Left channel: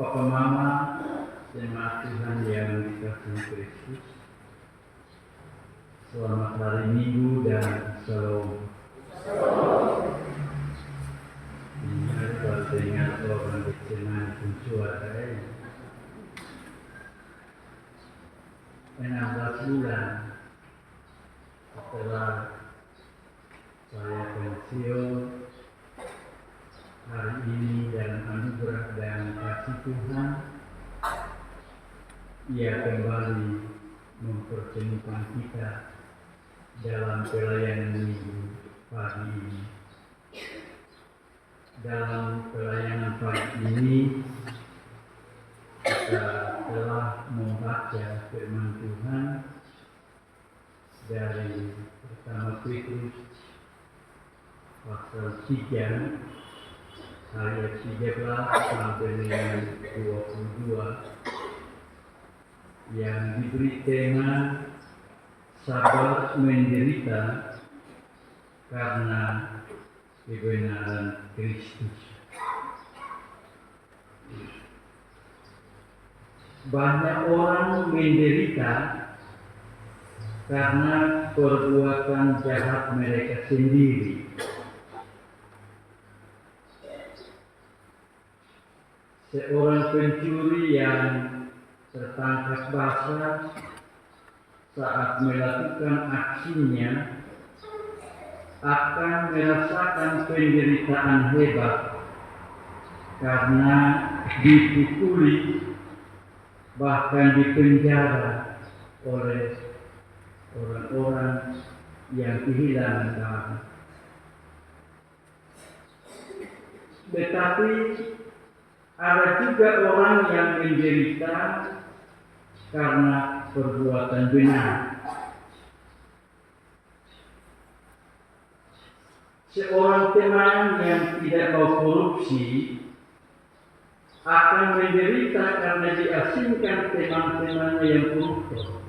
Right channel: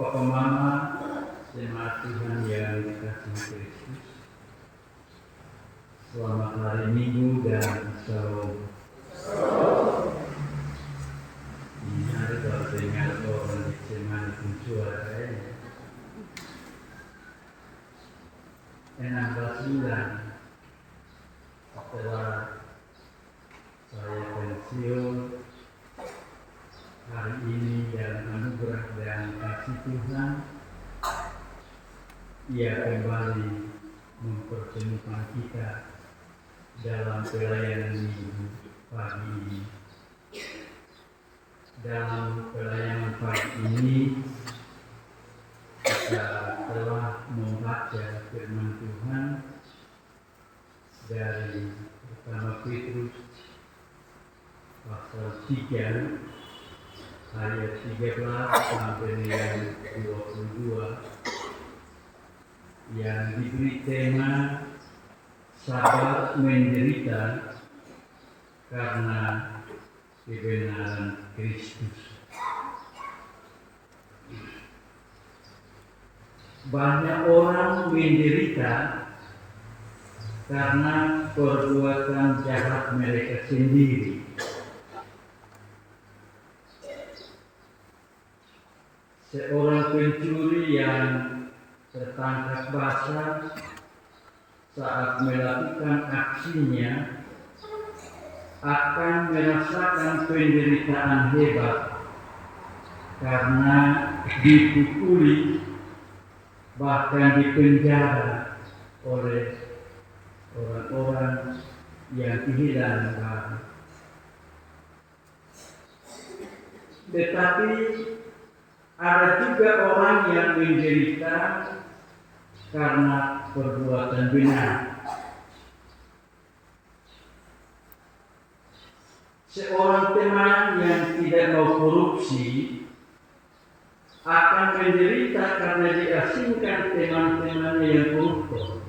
Papa Mama, jemaat Tuhan yang dikasihi Kristus, selamat hari Minggu dan Shalom. Hari baru dengar orang di Cemani Pencuara 16 bulan setelah saya pensiun. Hari ini dalam anugerah dan kasih Tuhan, Ia kembali mempertemukan kita dalam pelayanan minggu pagi ini. Dalam pelayanan pagi ini, kita telah membaca firman Tuhan dari pertama Petrus pasal 3 ayat 13 sampai dengan 22 yang diberi tema sabar menderita karena kebenaran Kristus. Banyak orang menderita karena perbuatan jahat mereka sendiri. Seorang pencuri yang tertangkap basah saat melakukan aksinya akan merasakan penderitaan hebat karena dipukuli, bahkan dipenjara oleh orang-orang yang kehilangan barang. Tetapi ada juga orang yang menderita karena perbuatan benar. Seorang teman yang tidak mau korupsi akan menderita karena diasingkan teman-temannya yang koruptor.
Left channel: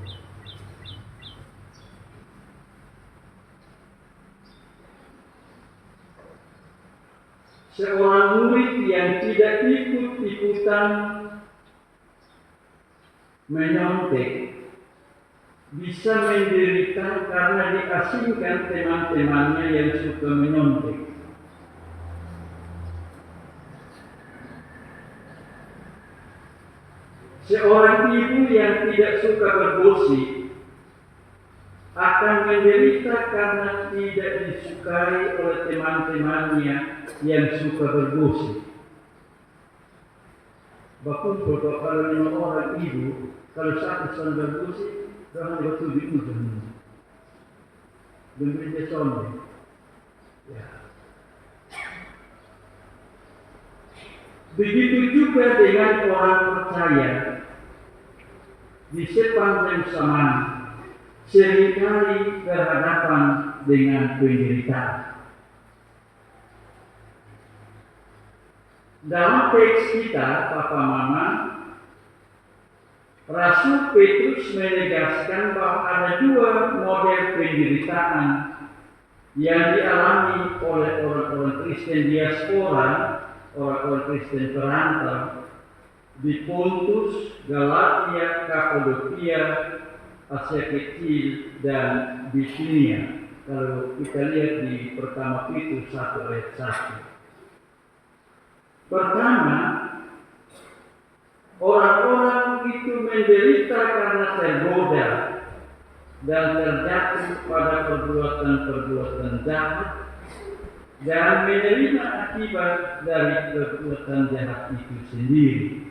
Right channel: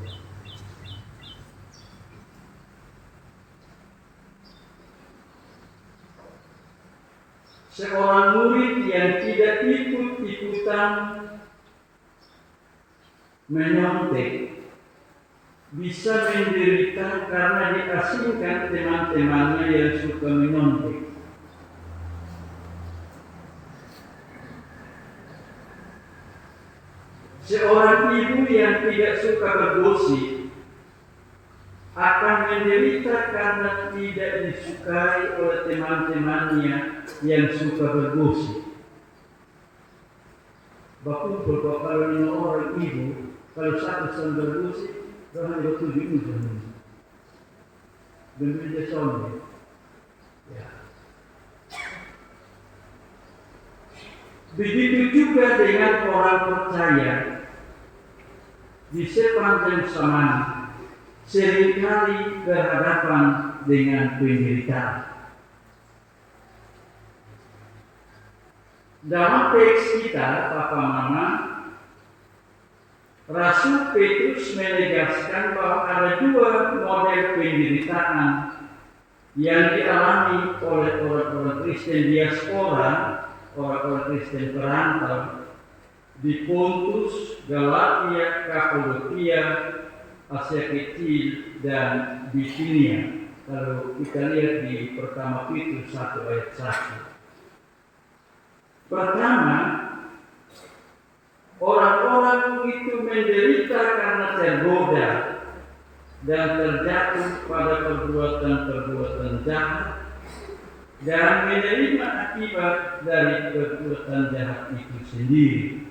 Seorang murid yang tidak ikut-ikutan menyontek bisa menderita karena diasingkan teman-temannya yang suka menyontek. Seorang ibu yang tidak suka bergosip akan menderita karena tidak disukai oleh teman-temannya yang suka bergosip. Berkumpul kalau 5 orang ibu, kalau satu sedang bergosip, jangan waktu diulang. Berbeda sonde. Ya. Begitu juga dengan orang percaya di sepanjang zaman seringkali berhadapan dengan penderitaan. Dalam teks kita, Papa Mama, Rasul Petrus menegaskan bahwa ada 2 model penderitaan yang dialami oleh orang-orang Kristen diaspora, orang-orang Kristen perantau di Pontus, Galatia, Kapadokia, Asia Kecil, dan Bitinia. Kalau kita lihat di pertama Petrus 1 ayat 1. Pertama, orang-orang itu menderita karena tergoda dan terjatuh pada perbuatan-perbuatan jahat dan menerima akibat dari perbuatan jahat itu sendiri.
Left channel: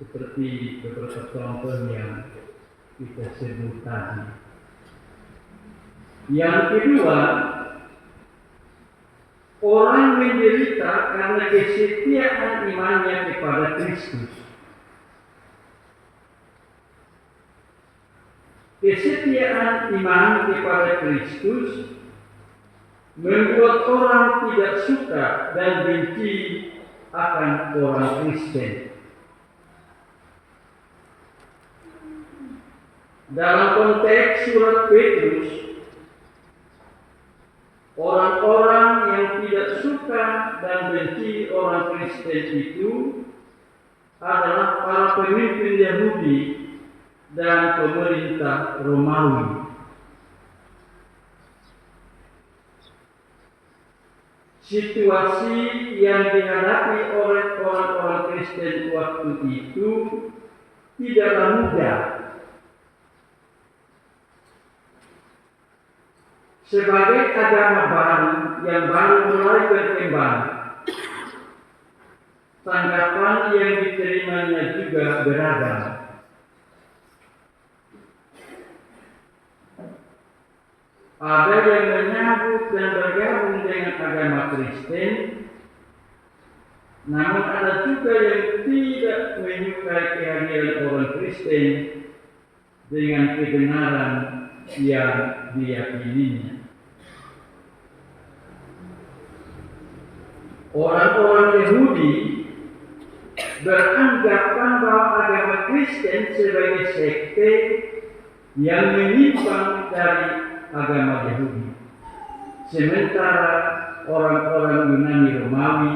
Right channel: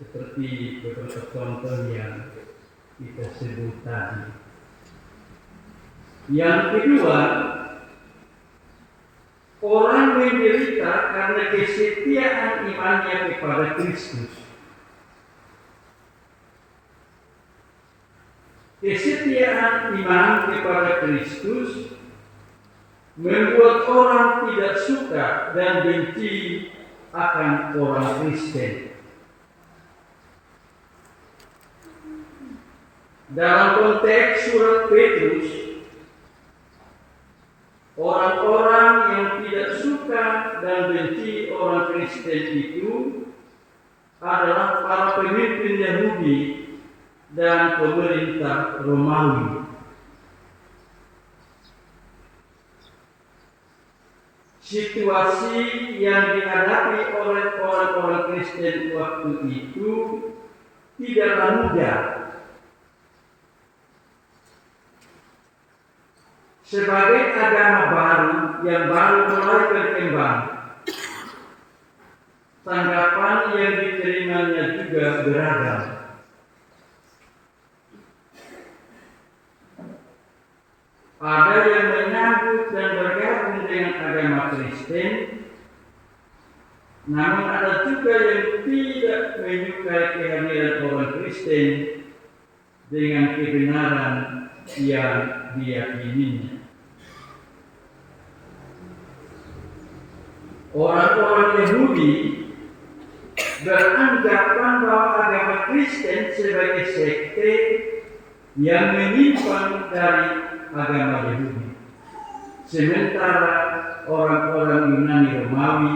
Seperti beberapa contoh yang kita sebut tadi. Yang kedua, orang menderita karena kesetiaan imannya kepada Kristus. Kesetiaan iman kepada Kristus membuat orang tidak suka dan benci akan orang Kristen. Dalam konteks surat Petrus, orang-orang yang tidak suka dan benci orang Kristen itu adalah para pemimpin Yahudi dan pemerintah Romawi. Situasi yang dihadapi oleh orang-orang Kristen waktu itu tidaklah mudah. Sebagai agama baru yang baru mulai berkembang, tanggapan yang diterimanya juga beragam. Ada yang menyambut dan bergabung dengan agama Kristen, namun ada juga yang tidak menyukai kehadiran orang Kristen dengan kebenaran yang diyakininya. Orang-orang Yahudi beranggapan bahwa agama Kristen sebagai sekte yang menyimpang dari agama Yahudi. Sementara orang-orang Yunani Romawi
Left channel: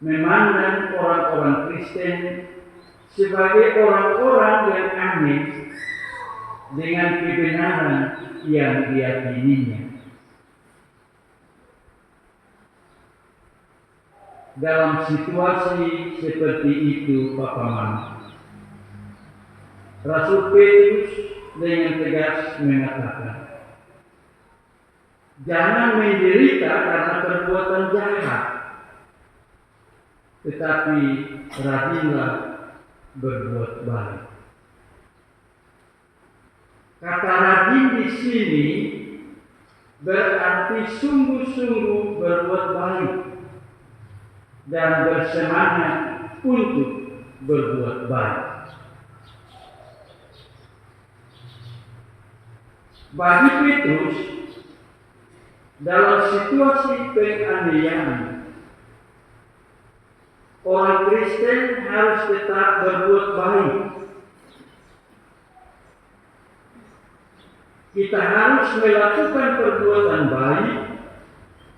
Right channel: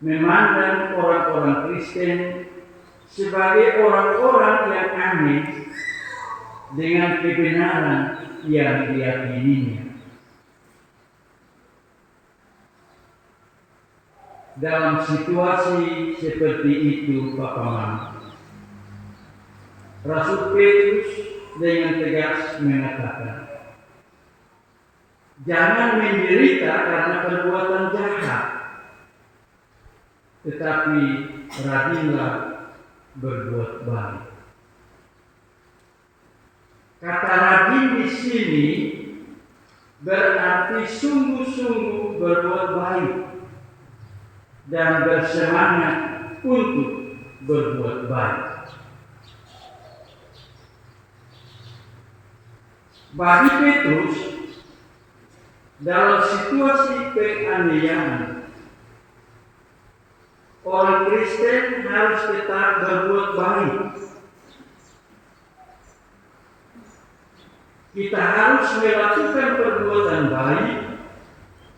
memandang orang-orang Kristen sebagai orang-orang yang aneh dengan kebenaran yang diyakininya. Dalam situasi seperti itu, Papa Mama, Rasul Petrus dengan tegas mengatakan, jangan menderita karena perbuatan jahat, tetapi rajinlah berbuat baik. Kata rajin di sini berarti sungguh-sungguh berbuat baik dan bersemangat untuk berbuat baik. Bagi Petrus, dalam situasi penganiayaan, orang Kristen harus tetap berbuat baik. Kita harus melakukan perbuatan baik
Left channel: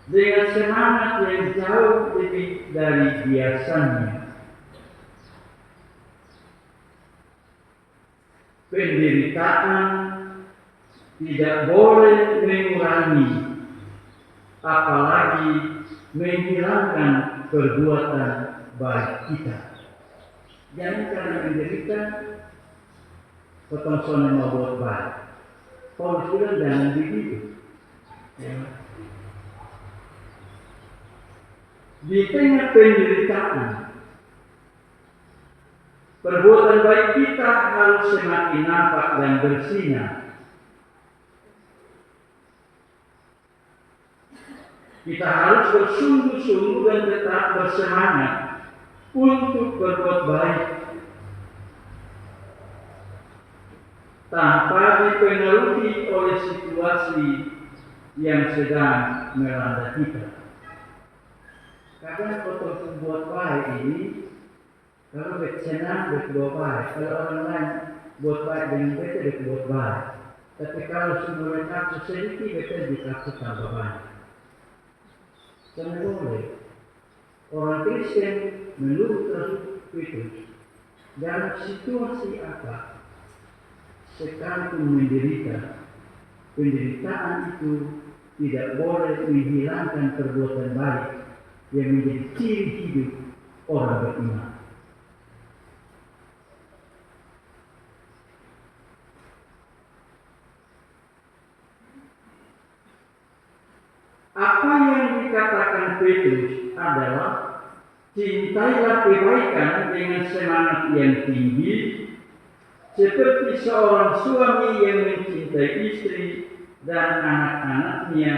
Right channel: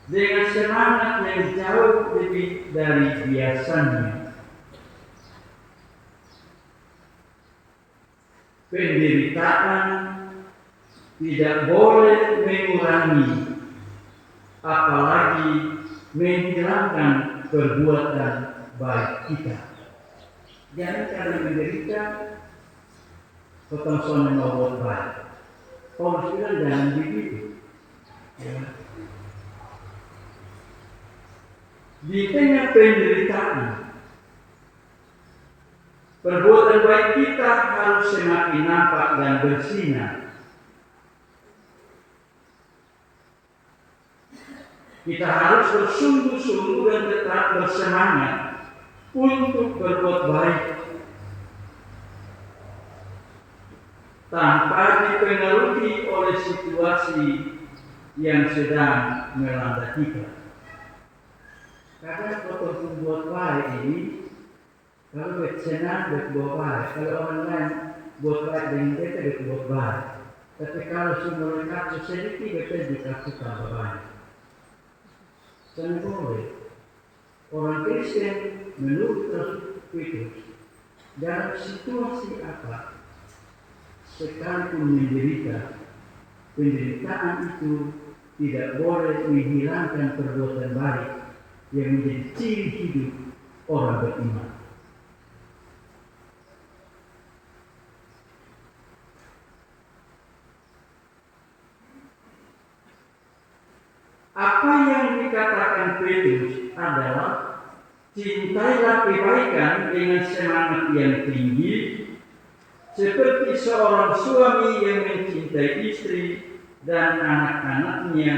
dengan semangat yang jauh lebih dari biasanya. Penderitaan tidak boleh mengurangi, apalagi menghilangkan perbuatan baik kita. Jangan karena menderita, potong sono mau buat baik. Paulus bilang jangan begitu. Ya. Di tengah penderitaan, perbuatan baik kita harus semakin nampak dan bersinar. Kita harus bersungguh-sungguh dan tetap bersemangat untuk berbuat baik, tanpa dipengaruhi oleh situasi yang sedang melanda kita. Karena kalau berbuat baik ini, kalau senang berbuat baik, kalau orang lain buat baik dengan kita berbuat baik. Tapi kalau semua kasus sedikit, kita dikasih tambah baik. Jangan boleh. Orang Kristen menurut Rasul Petrus dalam situasi apa, sekalipun menderita, penderitaan itu tidak boleh menghilangkan perbuatan baik yang menjadi ciri hidup orang beriman. Apa yang dikatakan Petrus adalah cintailah kebaikan dengan semangat yang tinggi, seperti seorang suami yang mencintai istri dan anak-anaknya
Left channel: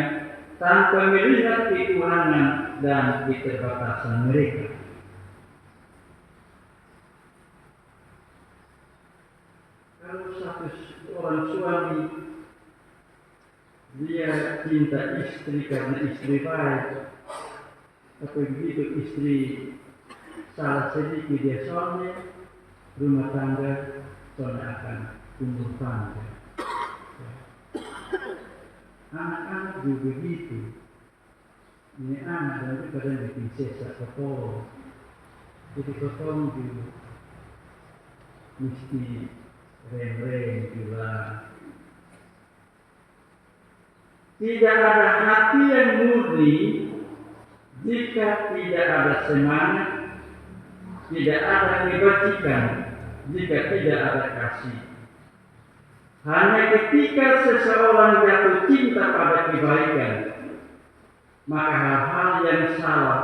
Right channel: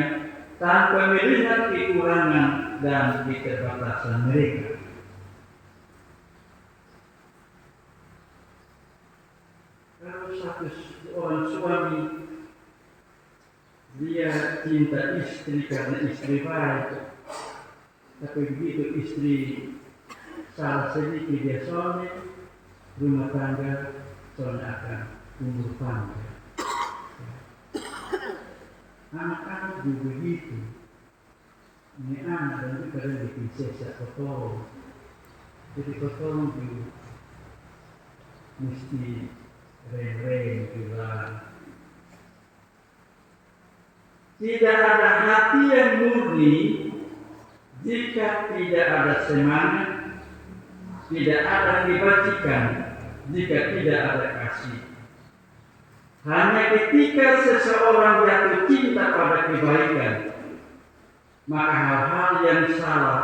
tanpa melihat kekurangan dan keterbatasan mereka. Kalau satu orang suami dia cinta istri karena istri baik, tapi begitu istri salah sedikit dia soalnya, rumah tangga soalnya akan tumbuh panjang. Anak-anak juga begitu. Ini anak dan itu kadang bikin sesak kotor. Jadi kotong juga mesti rem-rem juga. Tidak ada hati yang murni jika tidak ada semangat, tidak ada kebajikan jika tidak ada kasih. Hanya ketika seseorang jatuh cinta pada kebaikan, maka hal-hal yang salah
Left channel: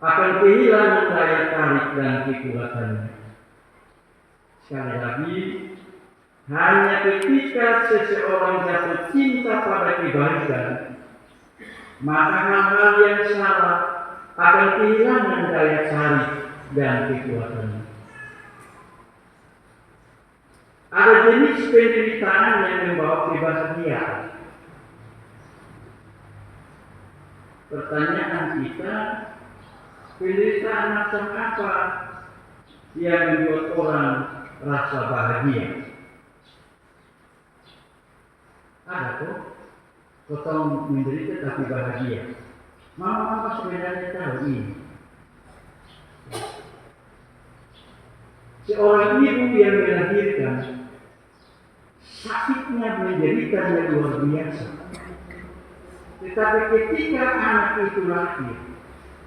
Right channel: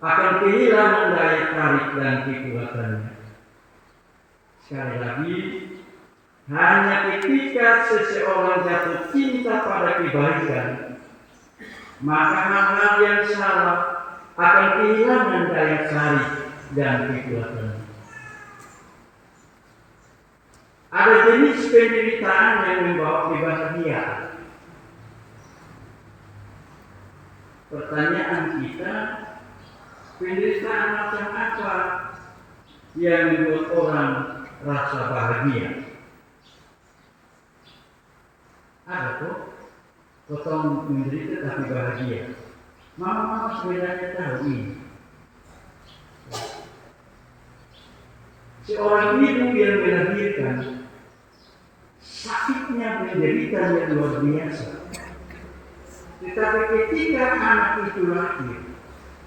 akan kehilangan daya tarik dan kekuatannya. Sekali lagi, hanya ketika seseorang jatuh cinta pada kebaikan, maka hal-hal yang salah akan kehilangan daya tarik dan kekuatannya. Ada jenis penderitaan yang membawa kebahagiaan. Pertanyaan kita, penderitaan macam apa yang membuat orang rasa bahagia? Ada tuh, kotong menderita tapi bahagia. Mama sebenarnya tahu ini. Seorang ibu yang melahirkan, sakitnya menderita yang luar biasa. Tetapi ketika anak itu lahir,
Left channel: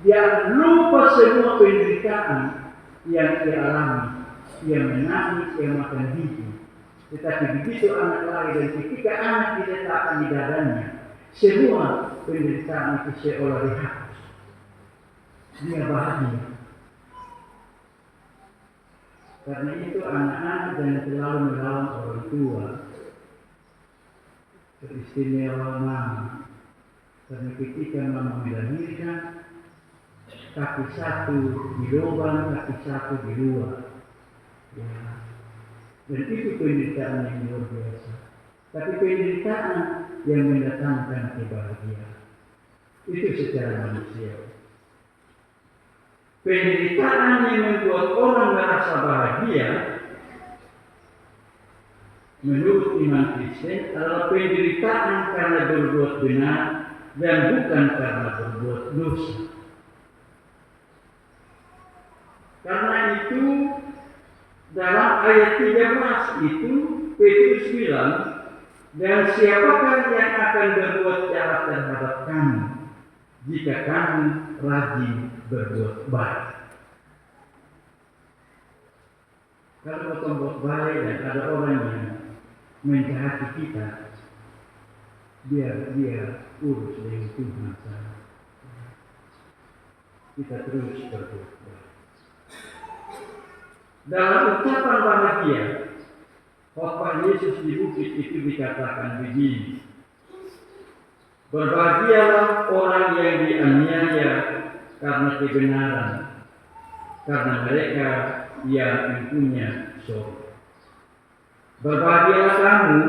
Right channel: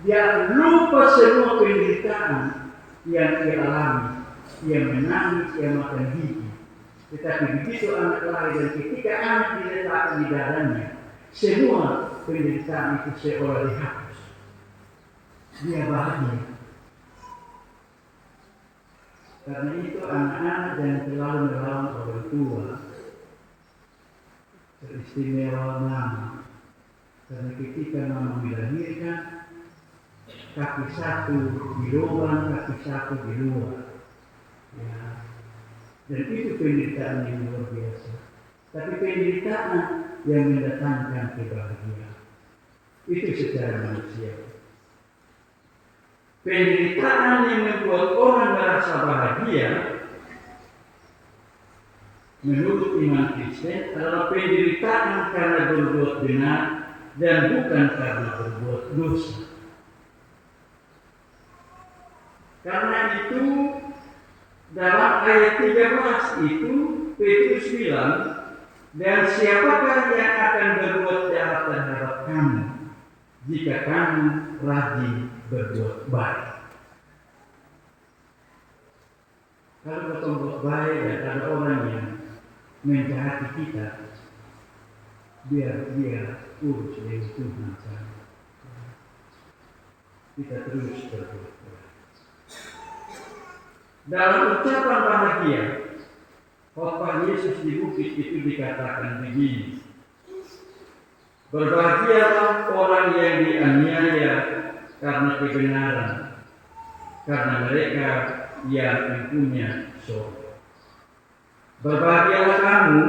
dia lupa semua penderitaan yang dia alami. Dia menangis, dia makan gigi. Tetapi begitu anak lahir dan ketika anak diletakkan di dadanya, semua penderitaan itu seolah dihapus. Dia bahagia. Karena itu anak-anak jangan terlalu melawan orang tua. Teristimewa mama. Karena ketika mama melahirkan, kaki satu di lubang, kaki satu di luar. Ya. Dan itu penderitaan yang luar biasa. Tapi penderitaan yang mendatangkan kebahagiaan. Itu secara manusia. Penderitaan yang membuat orang merasa bahagia menurut iman Kristen adalah penderitaan karena berbuat benar dan bukan karena berbuat dosa. Karena itu dalam ayat 13 itu Petrus bilang, dan siapakah yang akan berbuat jahat terhadap kamu jika kamu rajin berbuat baik? Kalau berbuat baik dan ada orang yang menjahati kita, biar dia urus dengan Tuhan saja. Kita terus berbuat baik. Dalam ucapan bahagia, khotbah Yesus di bukit itu dikatakan begini. Berbahagialah orang yang dianiaya karena kebenaran, karena mereka yang mempunyai surga. Berbahagialah kamu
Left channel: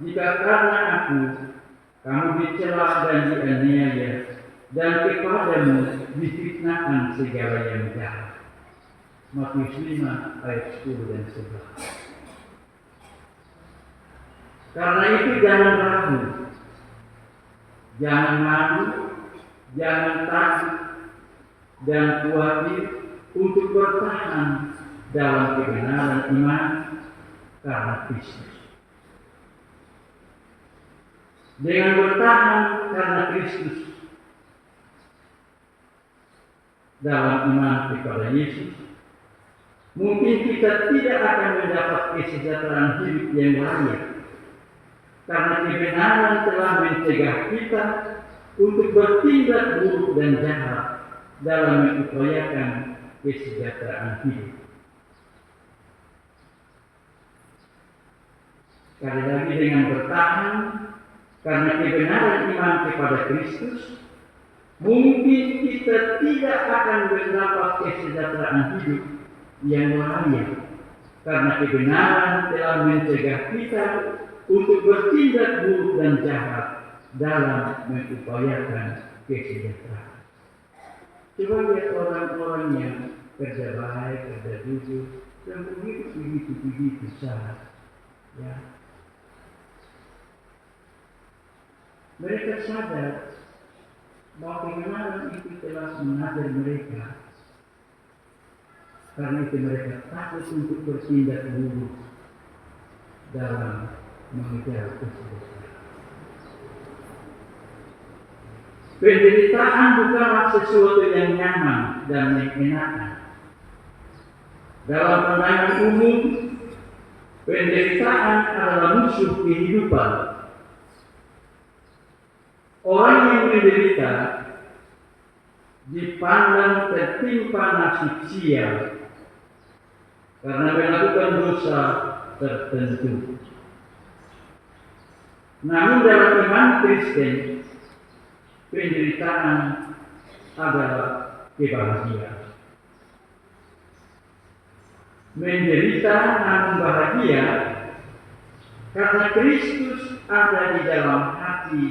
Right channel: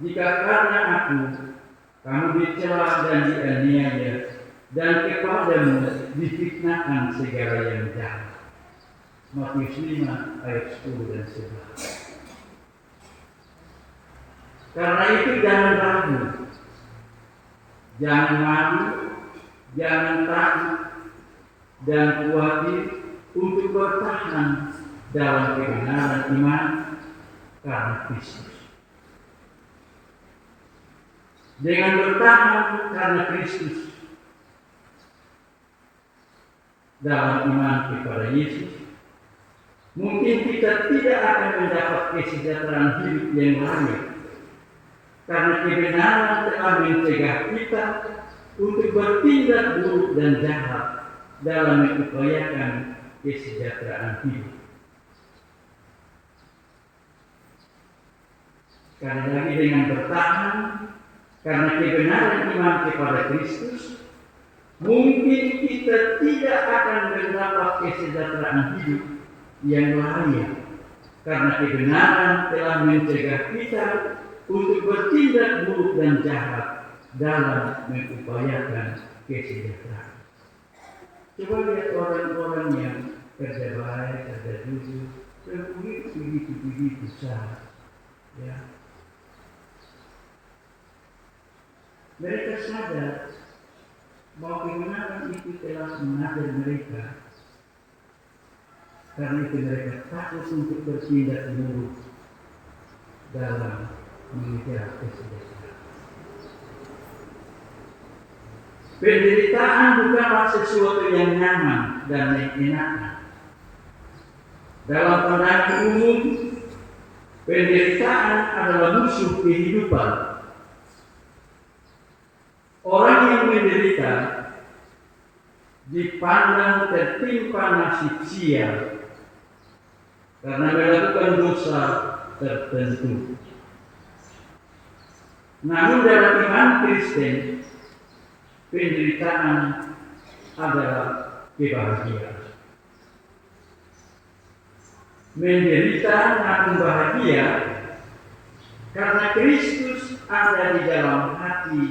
jika karena aku kamu dicela dan dianiaya dan kepadamu difitnahkan segala yang jahat. Matius 5 ayat 10 dan 11. Karena itu jangan ragu, jangan malu, jangan takut dan khawatir untuk bertahan dalam kebenaran iman karena Kristus. Dengan bertahan karena Kristus dalam iman kepada Yesus, mungkin kita tidak akan mendapat kesejahteraan hidup yang layak. Karena kebenaran telah mencegah kita untuk bertindak buruk dan jahat dalam mengupayakan kesejahteraan hidup. Sekali lagi dengan bertahan karena kebenaran iman kepada Kristus, mungkin kita tidak akan mendapat kesejahteraan hidup yang layak. Karena kebenaran telah mencegah kita untuk bertindak buruk dan jahat dalam mengupayakan kesejahteraan. Coba lihat orang-orang yang kerja baik, kerja jujur, dan begitu saja. Ya. Mereka sadar bahwa kebenaran itu telah mengajar mereka Karena itu mereka takut untuk bertindak buruk dalam mengejar kesejahteraan. Penderitaan bukanlah sesuatu yang nyaman dan menyenangkan. Dalam pandangan umum, penderitaan adalah musuh kehidupan. Orang yang menderita dipandang tertimpa nasib sial karena melakukan dosa tertentu. Namun dalam iman Kristen, penderitaan adalah kebahagiaan. Menderita namun bahagia karena Kristus ada di dalam hati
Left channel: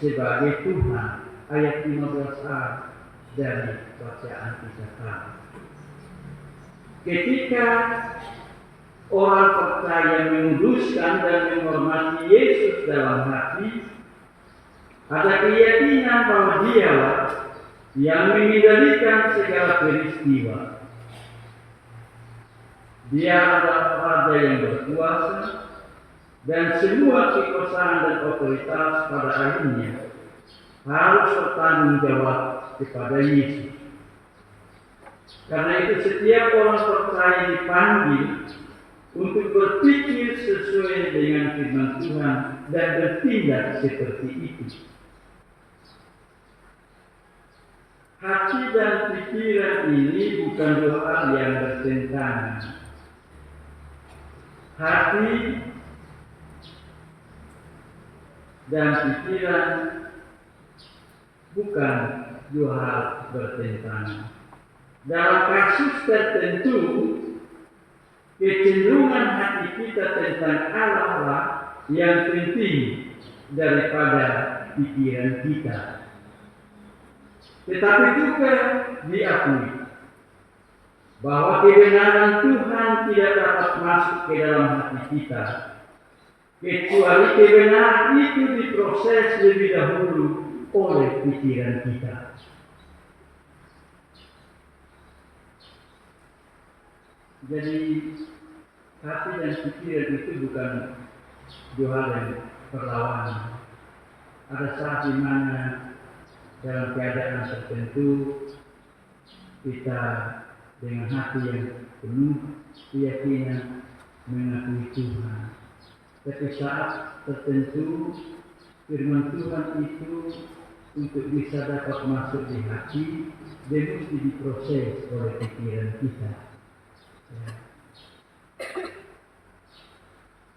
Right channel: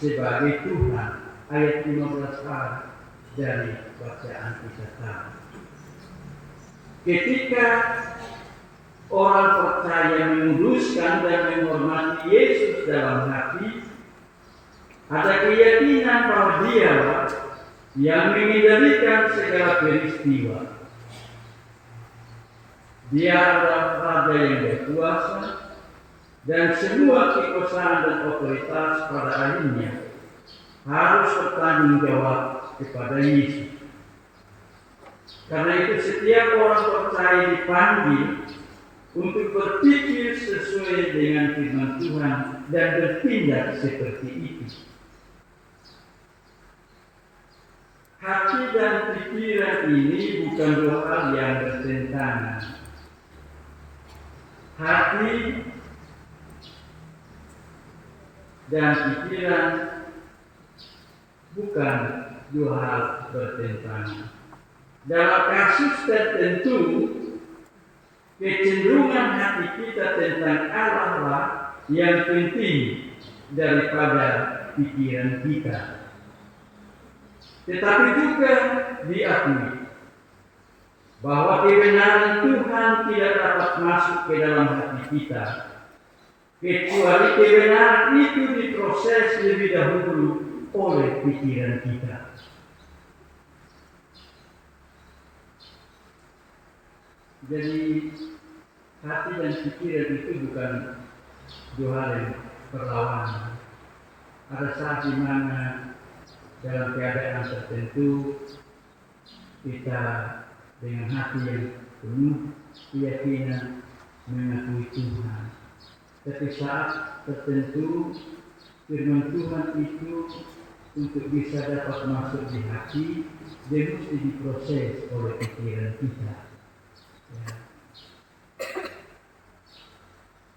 sebagai Tuhan. Ayat 15a dari bacaan kita tadi. Ketika orang percaya menguduskan dan menghormati Yesus dalam hati, ada keyakinan bahwa Dialah yang mengendalikan segala peristiwa. Dia adalah Raja yang berkuasa dan semua kekuasaan dan otoritas pada akhirnya harus bertanggung jawab kepada Yesus. Karena itu setiap orang percaya dipanggil untuk berpikir sesuai dengan firman Tuhan dan bertindak seperti itu. Hati dan pikiran ini bukan dua hal yang bertentangan. Hati dan pikiran bukan dua hal bertentangan. Dalam kasus tertentu, kecenderungan hati kita tentang Allah lah yang penting daripada pikiran kita. Tetapi juga diakui bahwa kebenaran Tuhan tidak dapat masuk ke dalam hati kita, kecuali kebenaran itu diproses lebih dahulu oleh pikiran kita. Jadi hati dan pikiran itu bukan dua hal yang berlawanan. Ada saat di mana dalam keadaan tertentu kita dengan hati yang penuh keyakinan mengakui Tuhan. Tapi saat tertentu firman Tuhan itu untuk bisa dapat masuk di hati, dia mesti diproses oleh pikiran kita. Ya.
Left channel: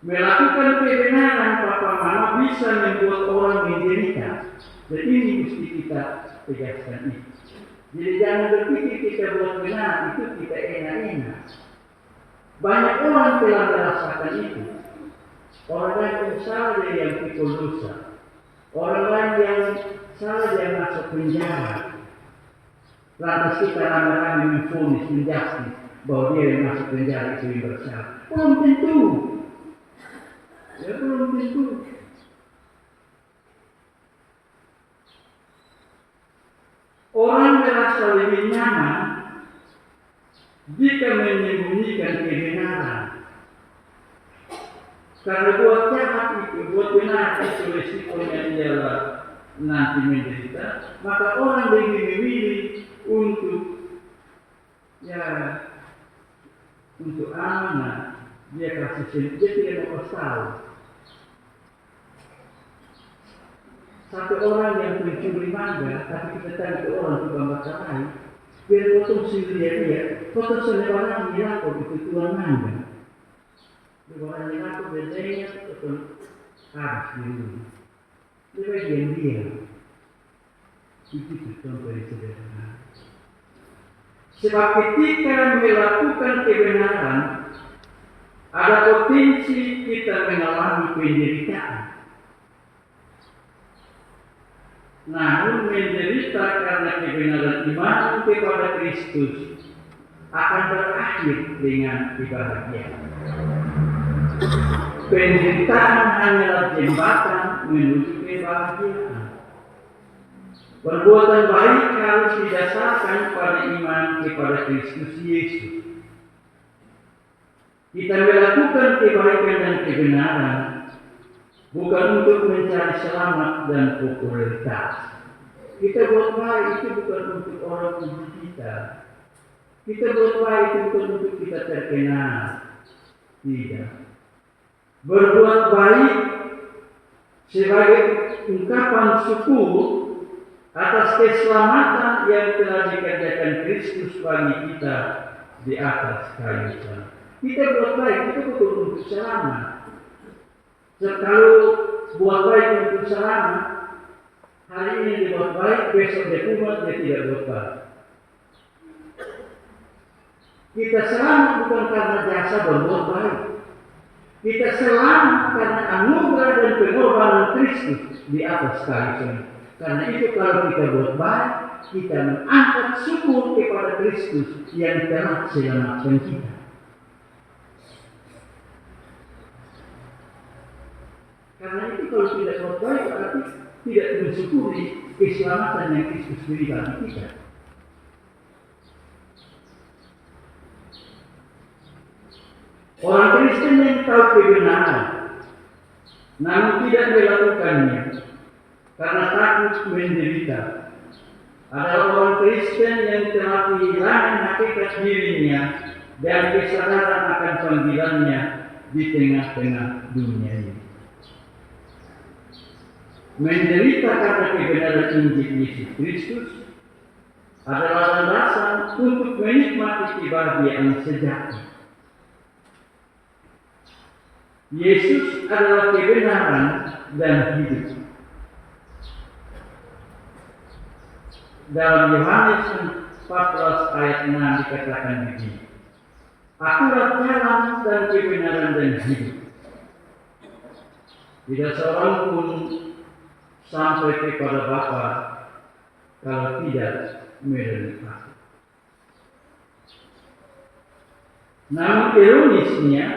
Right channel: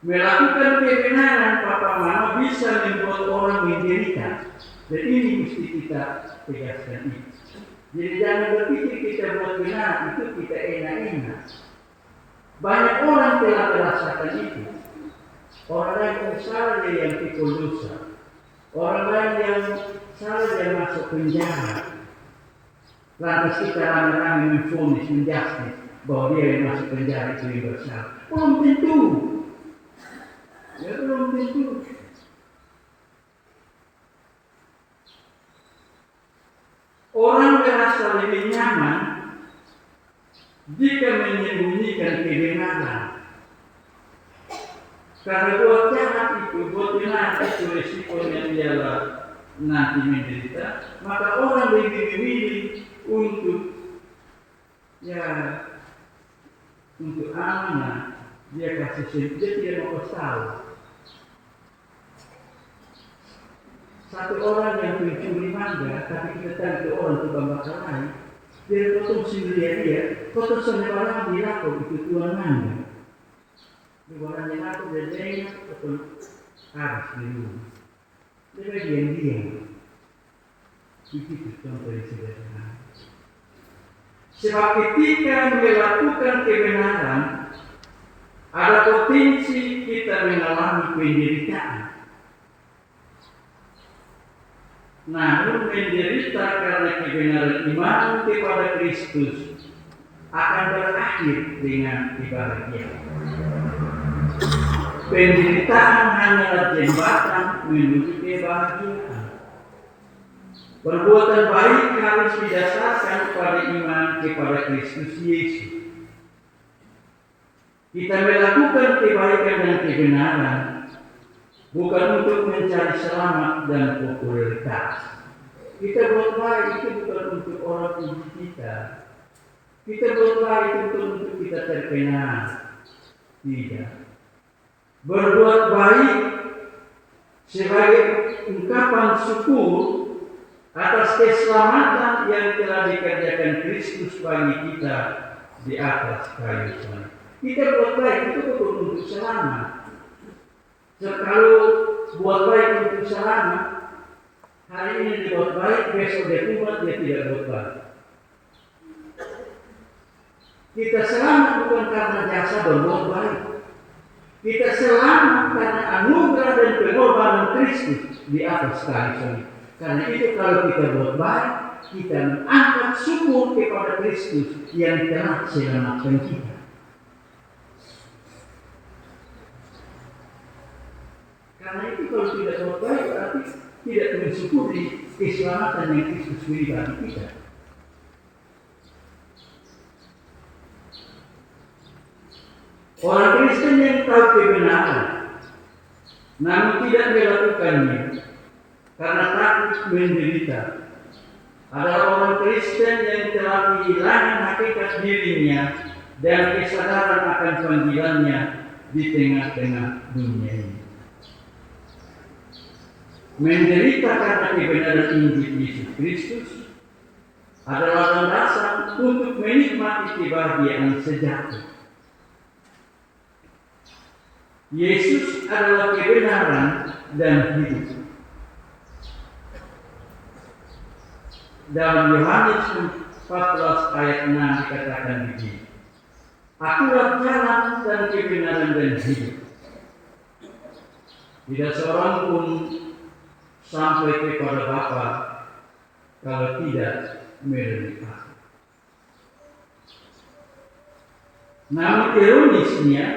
Melakukan kebenaran Papa Mama bisa membuat orang menderita. Dan ini mesti kita tegaskan itu. Jadi jangan berpikir kita buat benar, itu kita enak-enak. Banyak orang telah merasakan itu. Orang lain yang salah dia yang pikul dosa. Orang lain yang salah dia masuk penjara. Lantas kita ramai-ramai memfonis, menjustis bahwa dia yang masuk penjara itu yang bersalah. Belum tentu. Ya belum tentu. Orang merasa lebih nyaman jika menyembunyikan kebenaran. Karena buat jahat itu, buat benar itu resikonya ialah nanti menderita, maka orang lebih memilih untuk amanah, dia kasih sendiri, dia tidak mau tahu. Satu orang yang mencuri mangga, tapi kita tahu itu orang tukang bakar lain, dia potong sendiri dia, potong sendiri orang dilapor itu tuan mangga. Dia orang yang aku bedanya potong habis di rumah. Dia diam-diam. Begitu contoh yang sederhana. Sebab ketika melakukan kebenaran, ada potensi kita mengalami penderitaan. Namun menderita karena kebenaran iman kepada Kristus akan berakhir dengan kebahagiaan. Penderitaan hanyalah jembatan menuju kebahagiaan. Perbuatan baik harus didasarkan pada iman kepada Kristus Yesus. Kita melakukan kebaikan dan kebenaran bukan untuk mencari selamat dan popularitas. Kita buat baik itu bukan untuk orang puji kita. Kita buat baik itu bukan untuk kita terkenal. Tidak. Berbuat baik sebagai ungkapan syukur atas keselamatan yang telah dikerjakan Kristus bagi kita di atas kayu salib. Kita buat baik itu bukan untuk selamat. Kalau buat baik untuk selamat, hari ini dibuat baik, besok dia kumat, dia tidak buat baik. Kita selamat bukan karena jasa berbuat baik. Kita selamat karena anugerah dan pengorbanan Kristus di atas kayu salib. Karena itu kalau kita buat baik, kita mengangkat syukur kepada Kristus yang telah selamatkan kita. Karena itu kalau tidak buat baik berarti tidak mensyukuri keselamatan yang Kristus beri bagi kita. Orang Kristen yang tahu kebenaran, namun tidak melakukannya karena takut menderita, adalah orang Kristen yang telah kehilangan hakikat dirinya dan kesadaran akan panggilannya di tengah-tengah dunia ini. Menderita karena kebenaran Injil Yesus Kristus adalah landasan untuk menikmati kebahagiaan sejati. Yesus adalah kebenaran dan hidup. Dalam Yohanes 14 ayat 6 dikatakan begini, Akulah jalan dan kebenaran dan hidup. Tidak seorang pun sampai kepada Bapa kalau tidak melalui Aku. Namun ironisnya,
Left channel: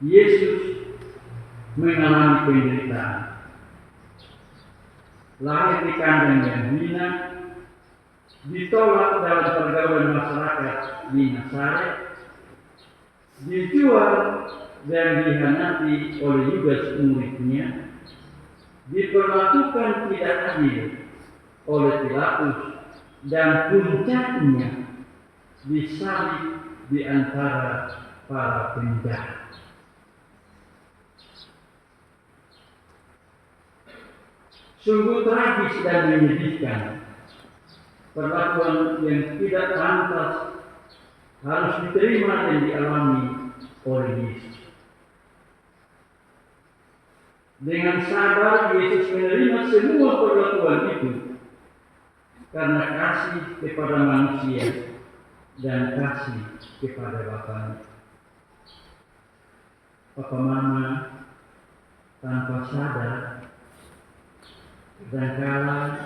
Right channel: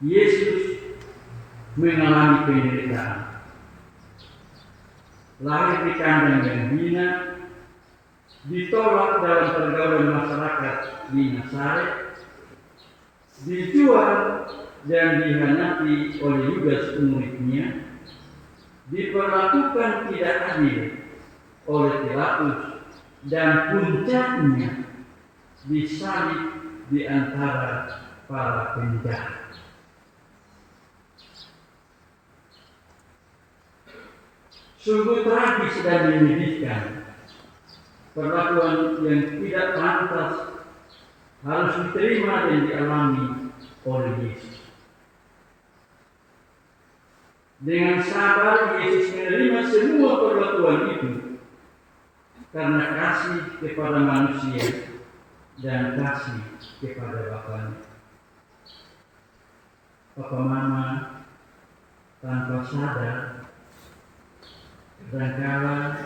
Yesus mengalami penderitaan. Lahir di kandang yang hina, ditolak dalam pergaulan masyarakat di Nazaret, dijual dan dihianati oleh Yudas muridnya, diperlakukan tidak adil oleh Pilatus, dan puncaknya disalib di antara para penjahat. Sungguh tragis dan menyedihkan perlakuan yang tidak pantas harus diterima dan dialami oleh Yesus. Dengan sabar Yesus menerima semua perlakuan itu karena kasih kepada manusia dan kasih kepada Bapanya. Papa Mama tanpa sadar kadang-kala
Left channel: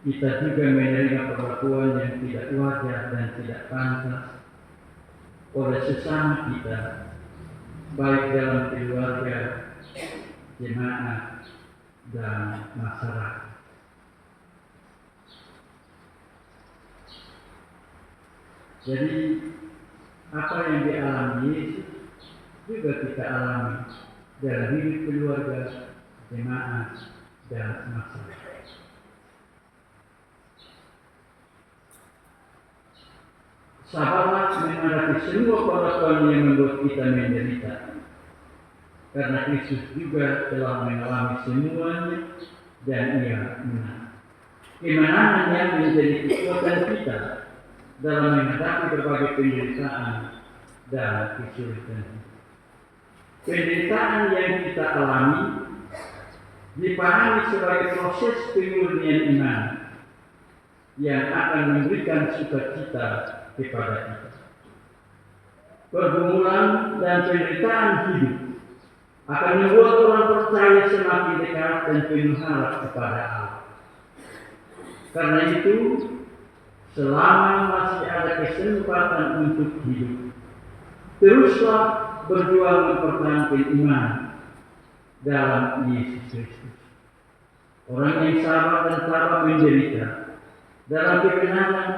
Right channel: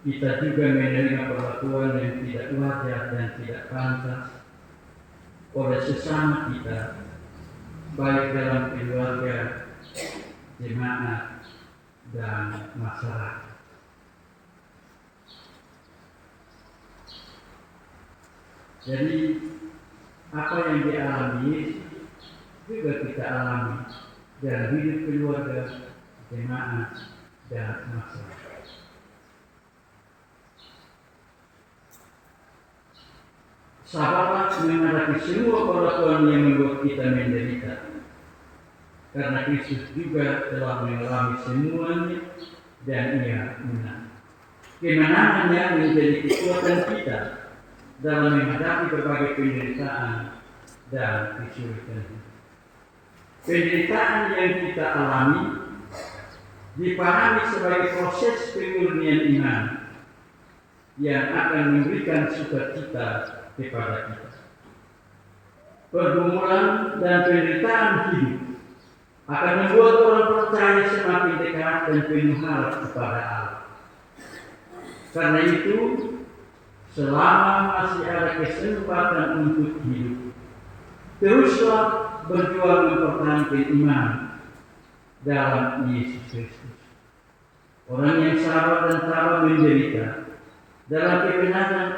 kita juga menerima perlakuan yang tidak wajar dan tidak pantas oleh sesama kita, baik dalam keluarga, jemaat, dan masyarakat. Jadi apa yang dialami Yesus juga kita alami dalam hidup keluarga, jemaat, dan masyarakat. Sabarlah menghadapi semua perlakuan yang membuat kita menderita, karena Kristus juga telah mengalami semuanya dan Ia menang. Kemenangannya menjadi kekuatan kita dalam menghadapi berbagai penderitaan dan kesulitan. Penderitaan yang kita alami dipahami sebagai proses pemurnian iman yang akan memberikan sukacita kepada kita. Pergumulan dan penderitaan hidup akan membuat orang percaya semakin dekat dan penuh harap kepada Allah. Karena itu, selama masih ada kesempatan untuk hidup, teruslah berjuang mempertahankan iman dalam Yesus Kristus. Orang yang sabar dan sabar menderita dalam kebenaran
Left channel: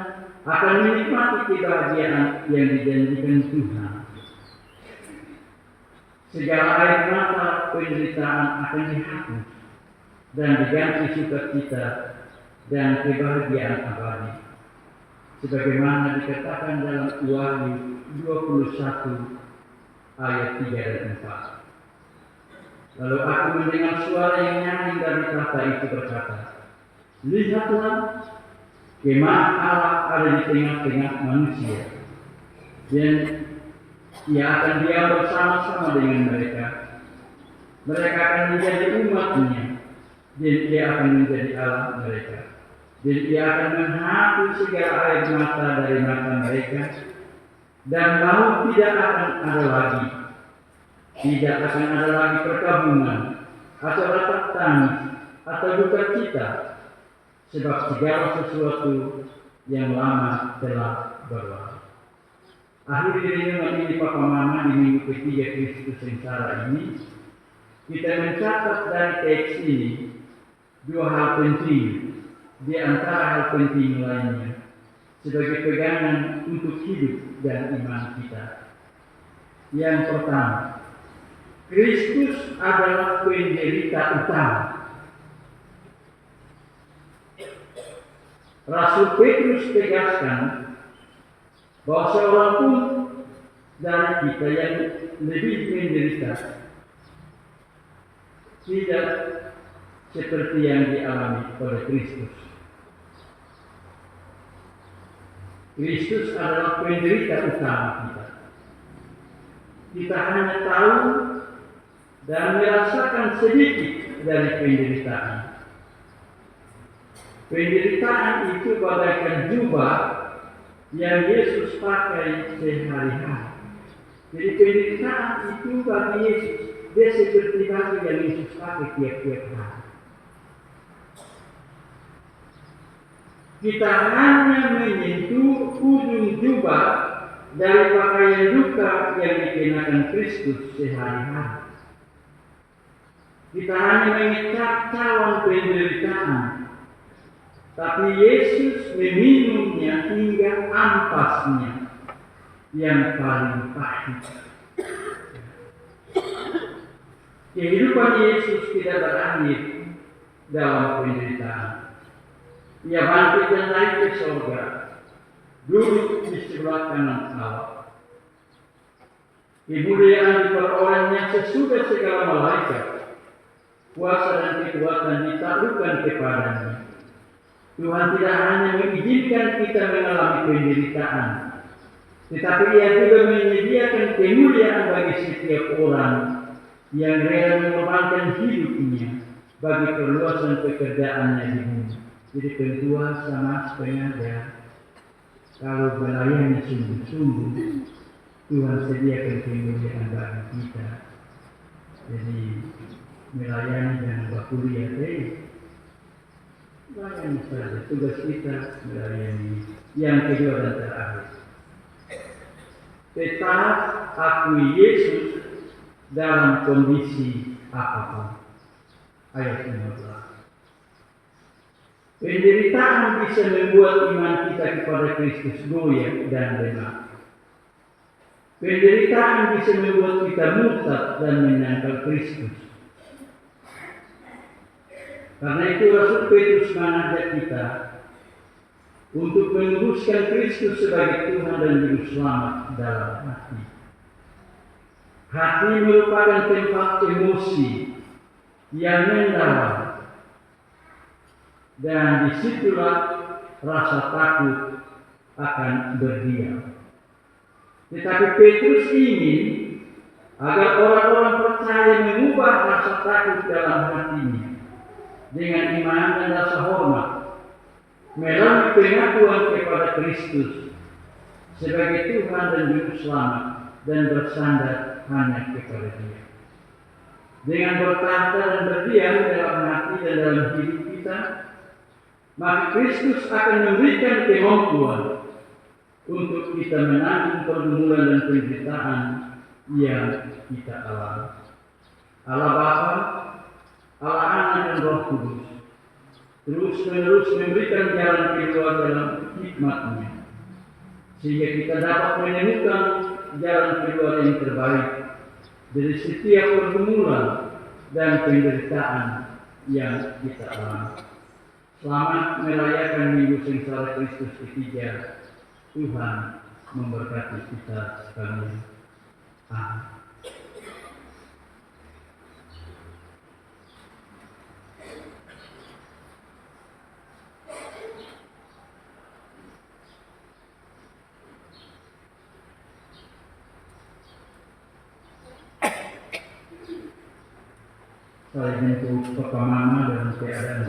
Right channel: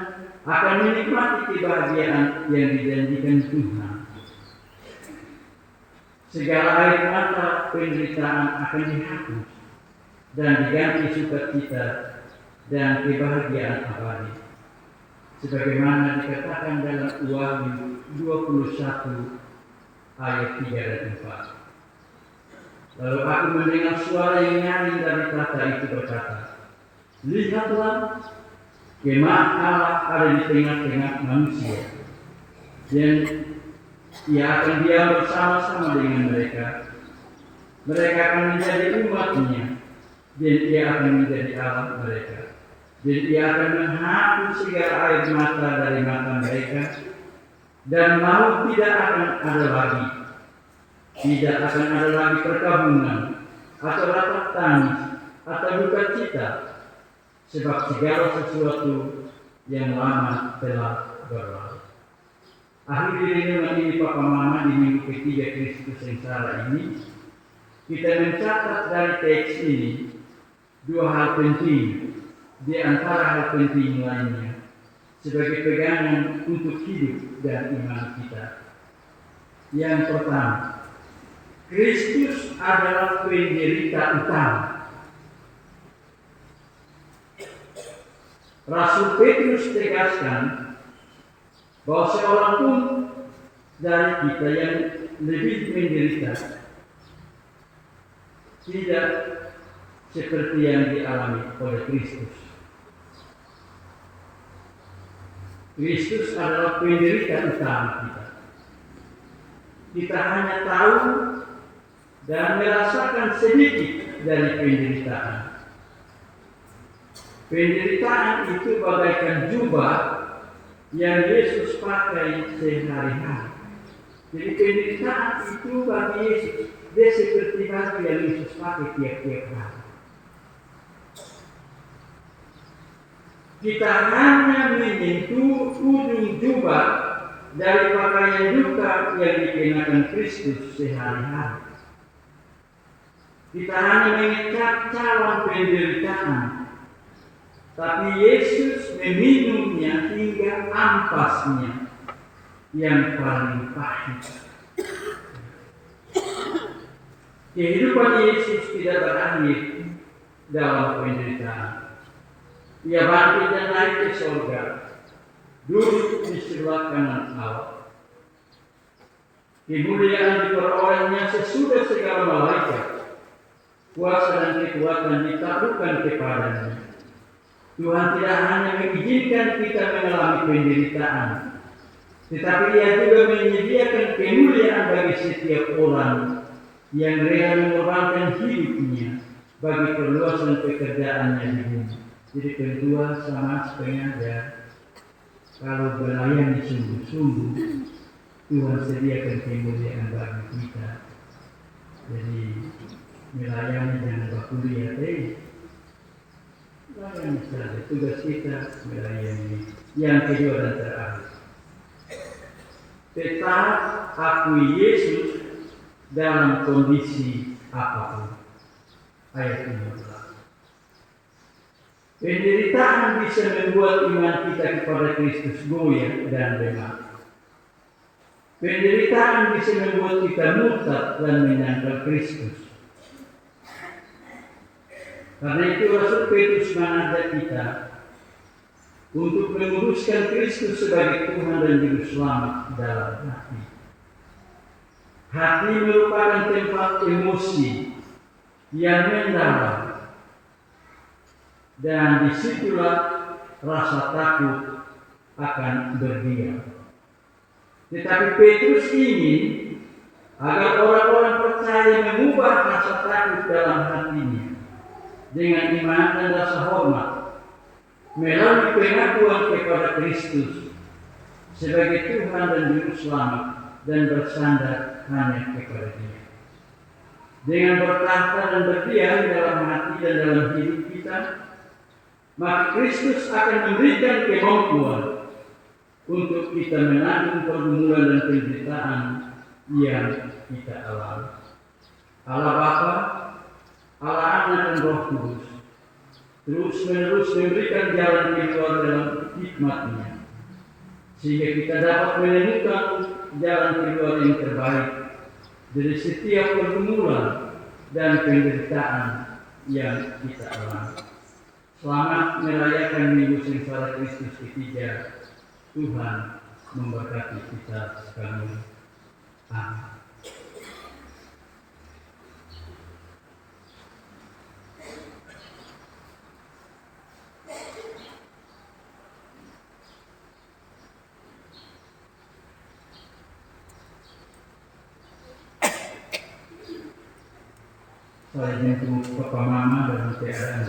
akan menikmati kebahagiaan yang dijanjikan Tuhan. Segala air mata penderitaan akan dihapus dan diganti sukacita dan kebahagiaan abadi. Sebagaimana dikatakan dalam Wahyu 21 ayat 3 dan 4. Lalu aku mendengar suara yang nyaring dari tahta itu berkata, "Lihatlah, kemah Allah ada di tengah-tengah manusia, dan Ia akan diam bersama-sama dengan mereka. Mereka akan menjadi umat-Nya, dan Ia akan menjadi Allah mereka. Dan Ia akan menghapus segala air mata dari mata mereka, dan maut tidak akan ada lagi. Tidak akan ada lagi perkabungan, atau ratap tangis, atau duka cita, sebab segala sesuatu yang lama telah berlalu." Akhir renungan ini Papa Mama di minggu ketiga Kristus sengsara ini, kita mencatat dari teks ini dua hal penting di antara hal penting lainnya sebagai pegangan untuk hidup dan iman kita. Yang pertama, Kristus adalah penderita utama. Rasul Petrus tegaskan bahwa seorang pun dari kita yang lebih menderita tidak seperti yang dialami oleh Kristus. Kristus adalah penderita utama kita. Kita hanya tahu dan merasakan sedikit dari penderitaan. Penderitaan itu bagaikan jubah yang Yesus pakai sehari-hari. Jadi penderitaan itu bagi Yesus, dia seperti baju yang Yesus pakai tiap-tiap hari. Kita hanya menyentuh ujung jubah dari pakaian duka yang dikenakan Kristus sehari-hari. Kita hanya mengecat cawan penderitaan, tapi Yesus meminumnya hingga ampasnya yang paling pahit. Kehidupan Yesus tidak berakhir dalam penderitaan. Ia bangkit dan naik ke surga, duduk di sebelah kanan Allah. Kemuliaan diperolehnya sesudah segala malaikat. Kuasa dan kekuatan ditaklukkan kepadanya. Tuhan tidak hanya mengizinkan kita mengalami penderitaan, tetapi Ia juga menyediakan kemuliaan bagi setiap orang yang rela mengorbankan hidupnya bagi perluasan pekerjaannya di bumi. Jadi kedua sama sengaja, kalau melayani sungguh-sungguh, Tuhan sediakan kemuliaan bagi kita. Jadi melayani jangan berkuliah layani saja, tugas kita melayani. Yang kedua dan terakhir, tetap akui Yesus dalam kondisi apapun. Ayat 15. Penderitaan bisa membuat iman kita kepada Kristus goyah dan lemah. Penderitaan bisa membuat kita murtad dan menyangkal Kristus. Karena itu Rasul Petrus mengajak kita untuk menguruskan Kristus sebagai Tuhan dan Juru Selamat dalam hati. Hati merupakan tempat emosi yang mendalam, dan disitulah rasa takut akan berdiam. Tetapi Petrus ingin agar orang-orang percaya mengubah rasa takut dalam hatinya dengan iman dan rasa hormat melalui pengakuan kepada Kristus sebagai Tuhan dan Juru Selamat dan bersandar hanya kepada Dia. Dengan bertahta dan berdiam dalam hati dan dalam hidup kita, maka Kristus akan memberikan kemampuan untuk kita menanggung pergumulan dan penderitaan yang kita alami. Allah Bapa, Allah Anak dan Roh Kudus terus menerus memberikan jalan keluar dalam hikmat-Nya sehingga kita dapat menemukan jalan keluar yang terbaik dari setiap pergumulan dan penderitaan yang kita alami. Selamat merayakan Minggu Sengsara Kristus ketiga. Tuhan memberkati kita sekalian. Amin. Saya jemput Papa Mama dalam keadaan